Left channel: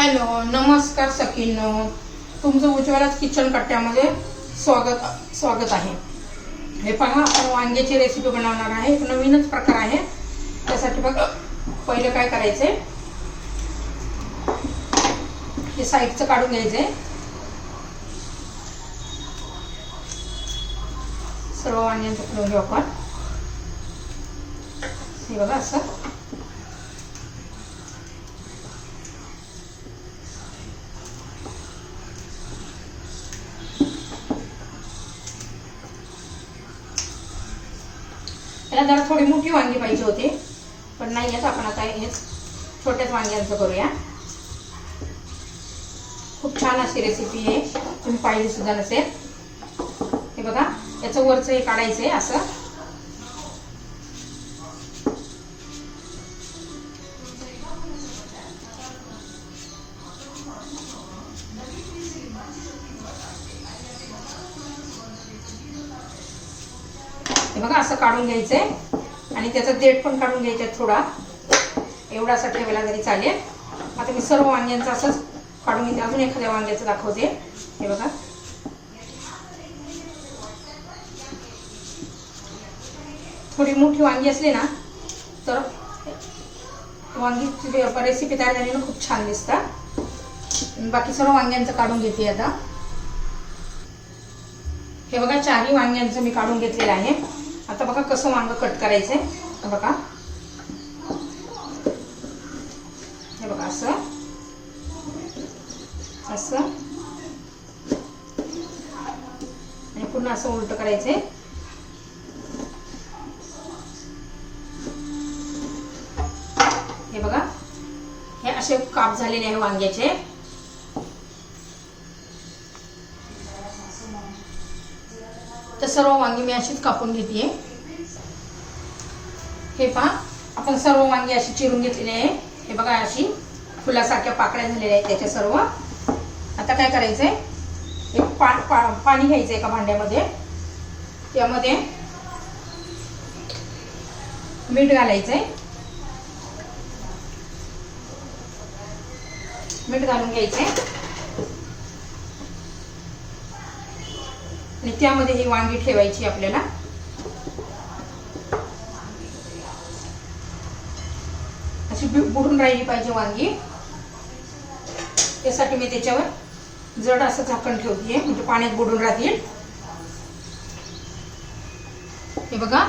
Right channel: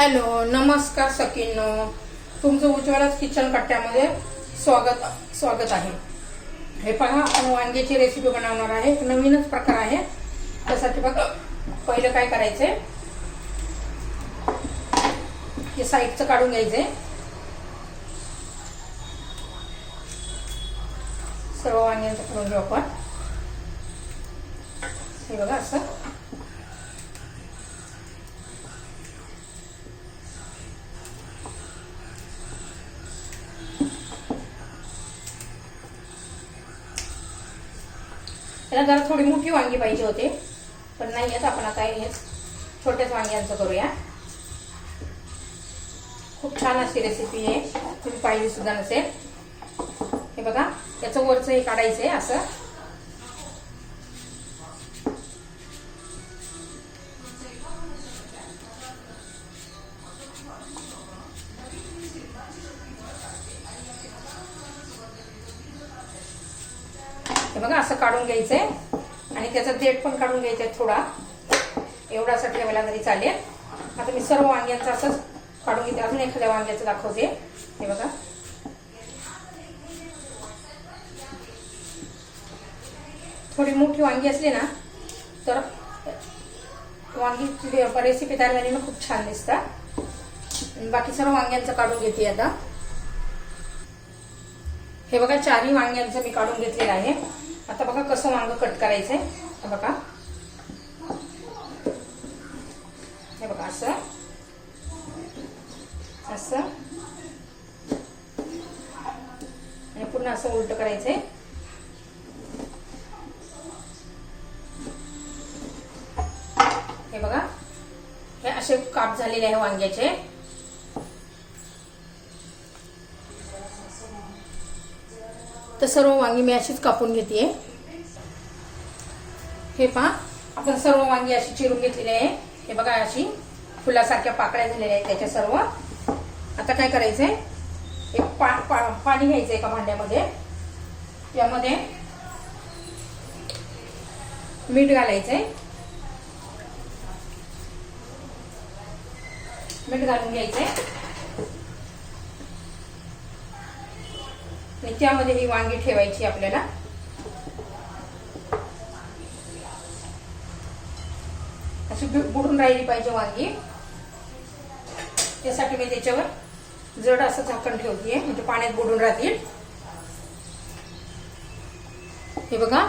Hello नमस्कार सकिनो तुमचं उज्ज्वलाच kitchen कट्ट्यामध्ये स्वागत स्वागत आहे. हे पहा आपण वांग्याची रेसिपी बनवणार आहे. एक नवीनच प्रकार आहे. त्यासाठी बघ पहिलं काय करायचंय? हे साईडचं काढून घ्यायचंय. सर्व वांग्यांचं करून घेऊ आपण. हे बघा असं. त्याला जरा थोडी मोठी वांगी पाहिजे होते पण नाही आहेत आपण आता हे छोट्याच वांग्यांचं करूया. खूप छान अशी रेसिपी आहे तुम्ही पाहिजे सुद्धा नसेल. हे बघा याचं वरचं हे काढायचं आहे असं. बघा असं काढून घ्यायचंय. आणि त्याचा देठ पण काढून घ्यायचा थोडा. एवढासा ठेवायला तरी चालेल. आता मी सर्व वांग्यांचं असंच काढून घेते. अजून एखाद्या वांग्याचं दाखवते. हे बघा. थोडी मोठी वांगी असली ना तर वांगीची रेसिपी तयार झाली ना खूप छान दिसतात बाकी सर्व वांग्यांचं काढून घेते आता. हे बघा चारही वांग्यांचं मी काढून घेतलेलं आहे. आता बघा कसं वांग कट करायचंय. बघा. हे बघा असं. असं. आणि पुन्हा असं उलट करायचंय. हे बघा. हे असे काप झालेले आहे वांग्याचे. सर्व वांगी मी अशीच कापून घेते हे पहा आपण सर्व वांगी अशी चिरून घेतलेली आहे. हे बघा अशी फुलासारख्या पाकळ्या झालेल्या आहेत त्याच्या सर्व. आता काय करायचंय? एक पा, पा पाणी घ्यायचं एका भांड्यामध्ये. त्यामध्ये मीठ घालायचंय. मीठ घालून घ्यायचंय. आणि त्यामध्ये ही वांगी ठेवायची आपल्याला. अशी बुडून राहिली पाहिजे वांगी. त्यासाठी मी त्याच्यावर जड असं झाकण ठेवतीये म्हणजे पाण्यात बुडून राहतील. हे बघा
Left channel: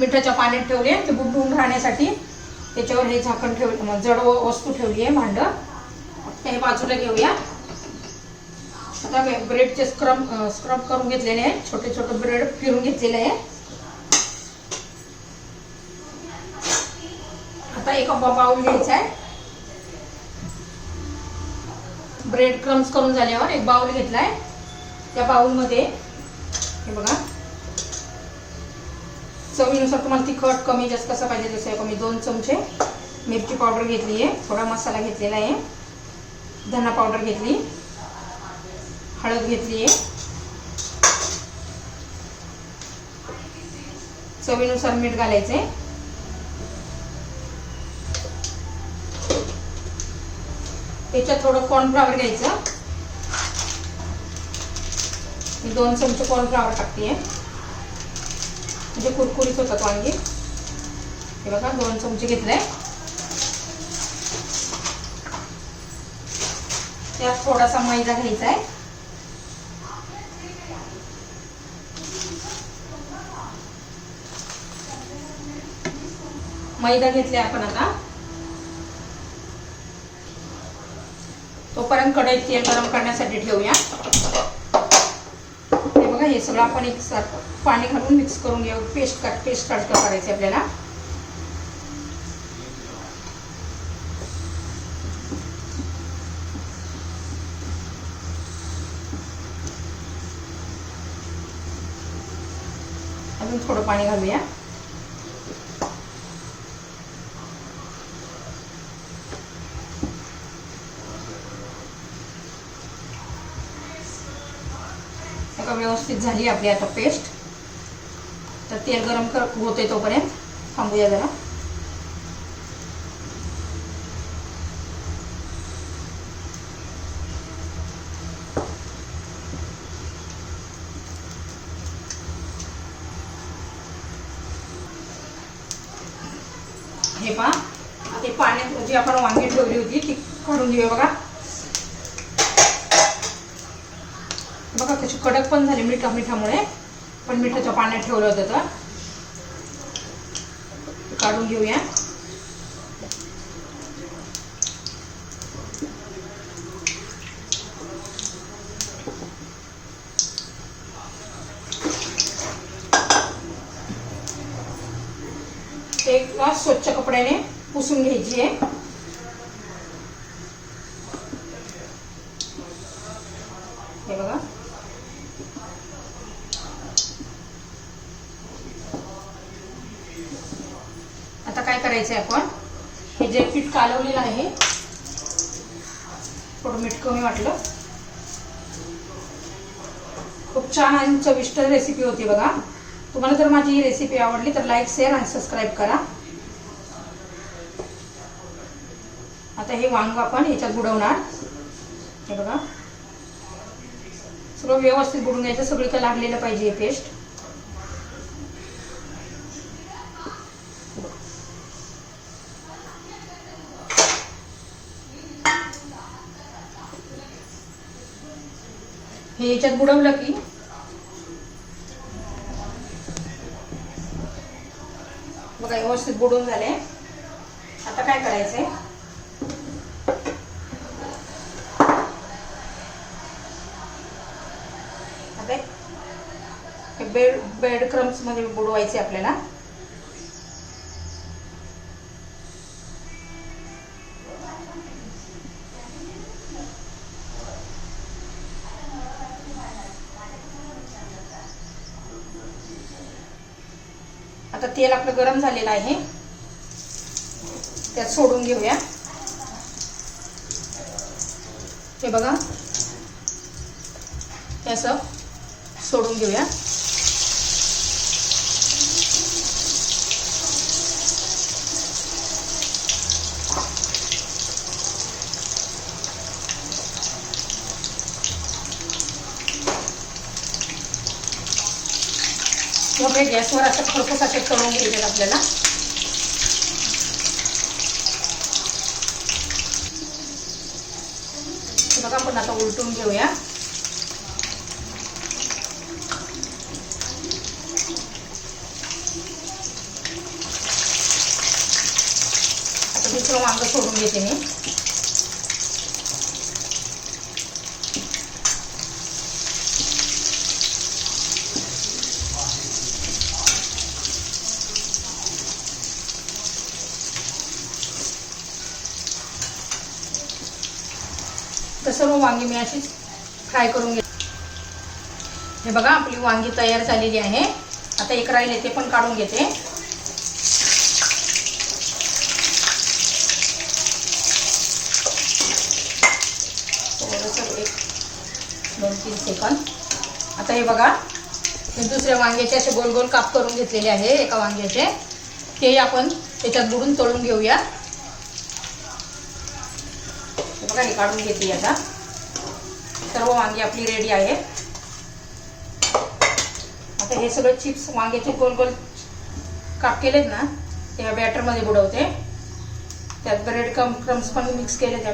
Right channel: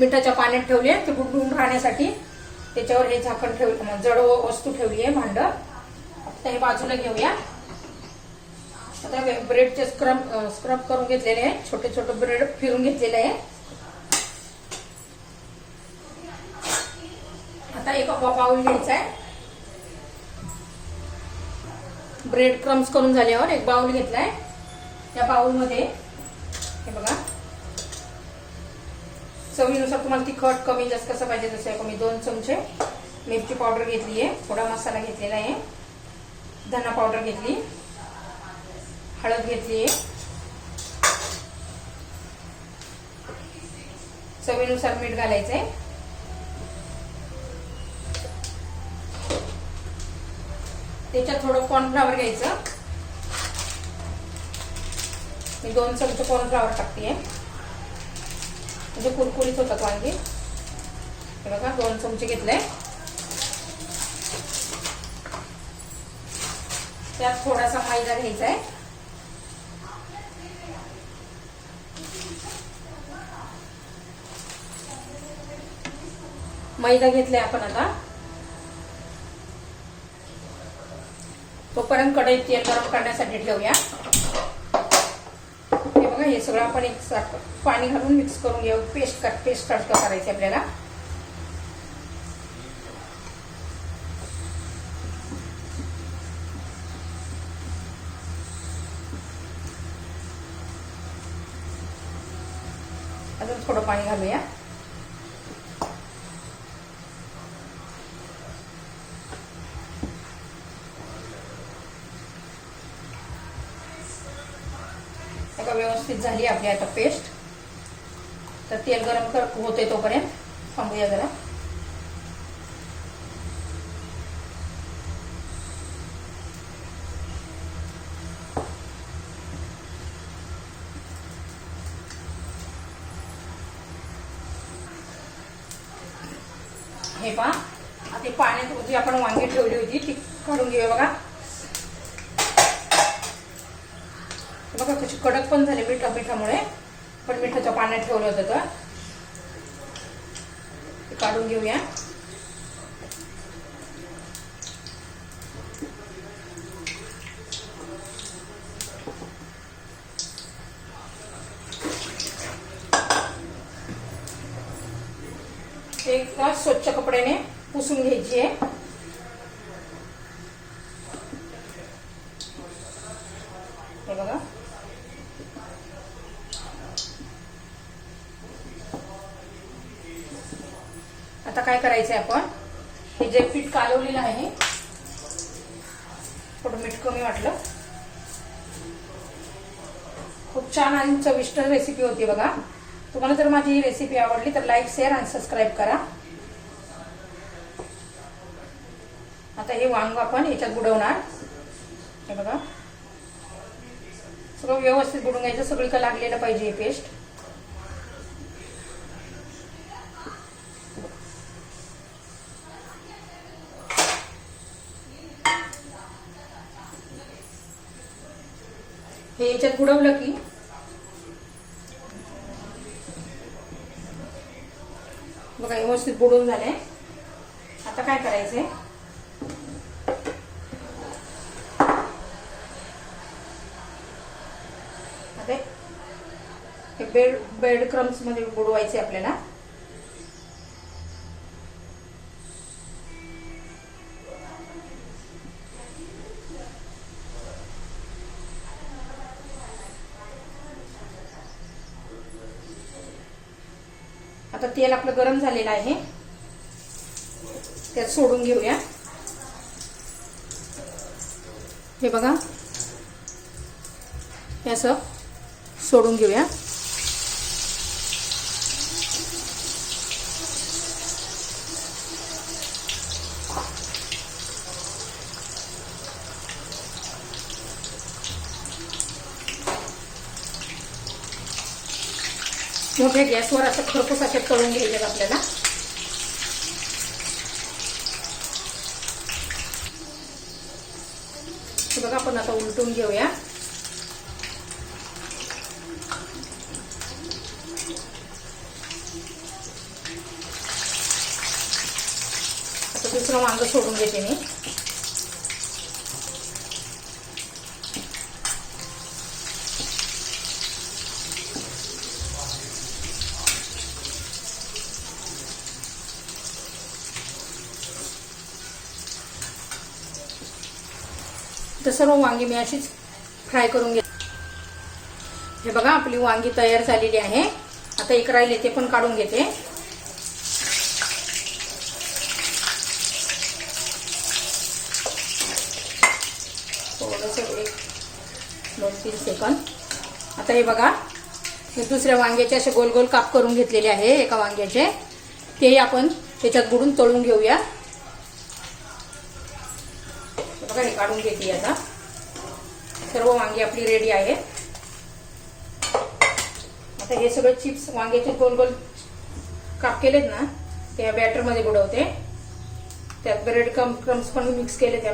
मिठाच्या पाण्यात ठेवले ते बुडून राहण्यासाठी त्याच्यावर हे झाकण ठेवलं जड वस्तू ठेवली आहे भांड. फक्त हे बाजूला घेऊया. आता ब्रेडचे स्क्रब स्क्रब करून घेतलेले आहे. छोटे छोटे ब्रेड फिरून घेतलेले आहे. आता एक बाउल घ्यायचा आहे. ब्रेड क्रम्स करून झाल्यावर एक बाउल घेतलाय. त्या बाउलमध्ये हे बघा. चवीनुसार तुम्हाला तिखट कमी जास्त कसं पाहिजे जसं आहे मी दोन चमचे मिरची पावडर घेतली आहे. थोडा मसाला घेतलेला आहे. धना पावडर घेतली. हळद घेतली. आहे चवीनुसार मीठ घालायचंय. त्याच्यात थोडं कॉर्नफ्लावर घ्यायचं. मी दोन चमचे कॉर्नफ्लावर टाकते म्हणजे कुरकुरीत होतात वांगी. हे बघा दोन चमचे घेतले त्यात थोडासा मैदा घ्यायचा आहे मैदा घेतले आपण आता. तोपर्यंत कढईत तेल गरम करण्यासाठी ठेवूया. हे बघा हे सगळं आपण एक पाणी घालून मिक्स करून घेऊ. पेस्ट कट पेस्ट कट करायचं आपल्याला. अजून थोडं पाणी घालूया. व्यवस्थित झाली आपली आता पेस्ट. तर तेल गरम कर होते तोपर्यंत. थांबूया जरा. हे पहा. आता पाण्यात जी आपण वांगी ठेवली होती ती काढून घेऊया बघा. बघा त्याची कडक पण झाली मिठा मिठामुळे पण मिठाच्या पाण्यात ठेवलं होतं तर. काढून घेऊया. ते स्वच्छ कपड्याने पुसून घ्यायची आहे हे बघा आता काय करायचंय आपण? हे जे पीठ कालवलेलं आहे थोडं मीठ कमी वाटलं. खूप छान आणि चविष्ट रेसिपी होती बघा. तुम्हाला जर माझी ही रेसिपी आवडली तर लाईक शेअर आणि सबस्क्राईब करा. आता हे वांग आपण याच्यात बुडवणार. हे बघा. सगळं व्यवस्थित बुडून घ्यायचं. सगळीकडे लागलेलं पाहिजे हे पेस्ट हे याच्यात बुडवलं की? बघा व्यवस्थित बुडून झाले. आता काय करायचंय आता हे बेड बेड क्रम्समध्ये बुडवायचे आपल्याला. तेल आपलं गरम झालेलं आहे. त्यात सोडून घेऊया. हे बघा. हे असं सोडून घेऊया. मोठ्या गॅसवर असं खरपूस असे तळून घ्यायचे आपल्याला. बघा आपण आता उलटून घेऊया. आता दुसरं वांग सोडून घेते मी. सर्व वांगी मी अशीच फ्राय करून घेते. हे बघा आपली वांगी तयार झालेली आहे. आता एक राहिले ते पण काढून घेते. दोन तीन सेकंद. आता हे बघा हे दुसऱ्या वांग्याचे असे गोल गोल काप करून घेतलेले आहे एका वांग्याचे. तेही आपण त्याच्यात बुडून तळून घेऊया. बघा हे काढून घेते आता. सर्व वांगी आपली रेडी आहे. आता हे सगळे चिप्स वांग्याचे गोल गोल काप केलेत ना ते या बॅटरमध्ये बुडवते. त्यात ब्रेड कम क्रम्स पण मिक्स केले त्या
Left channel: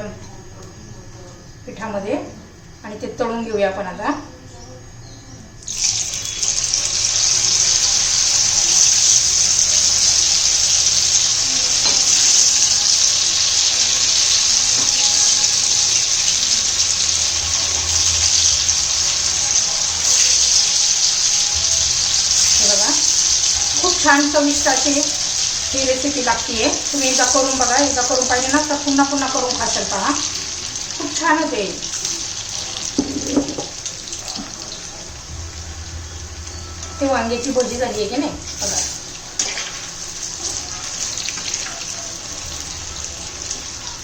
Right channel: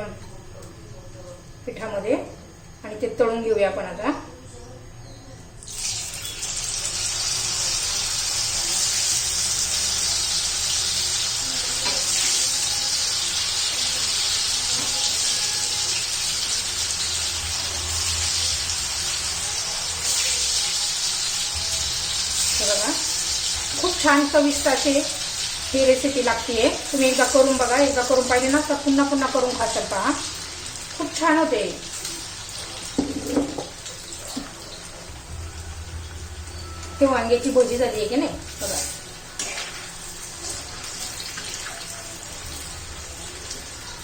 पिठामध्ये. आणि ते तळून घेऊया आपण आता हे बघा खूप छान चविष्ट अशी ही रेसिपी लागते तुम्ही एकदा करून बघा एकदा करून पाहिजे ना तर पुन्हा पुन्हा करून खाशाल पहा. खूप छान होते. ते वांग्याची भजी झाली आहे की नाही? बघा.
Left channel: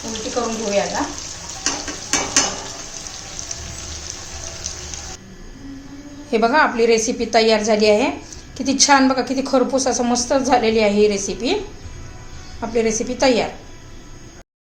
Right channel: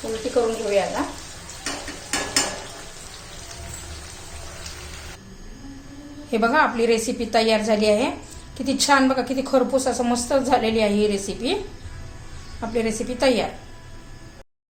उलटी करून घेऊया आता. हे बघा आपली रेसिपी तयार झाली आहे. किती छान बघा किती खरपूस असं मस्त झालेली आहे ही रेसिपी आपली रेसिपी तयार.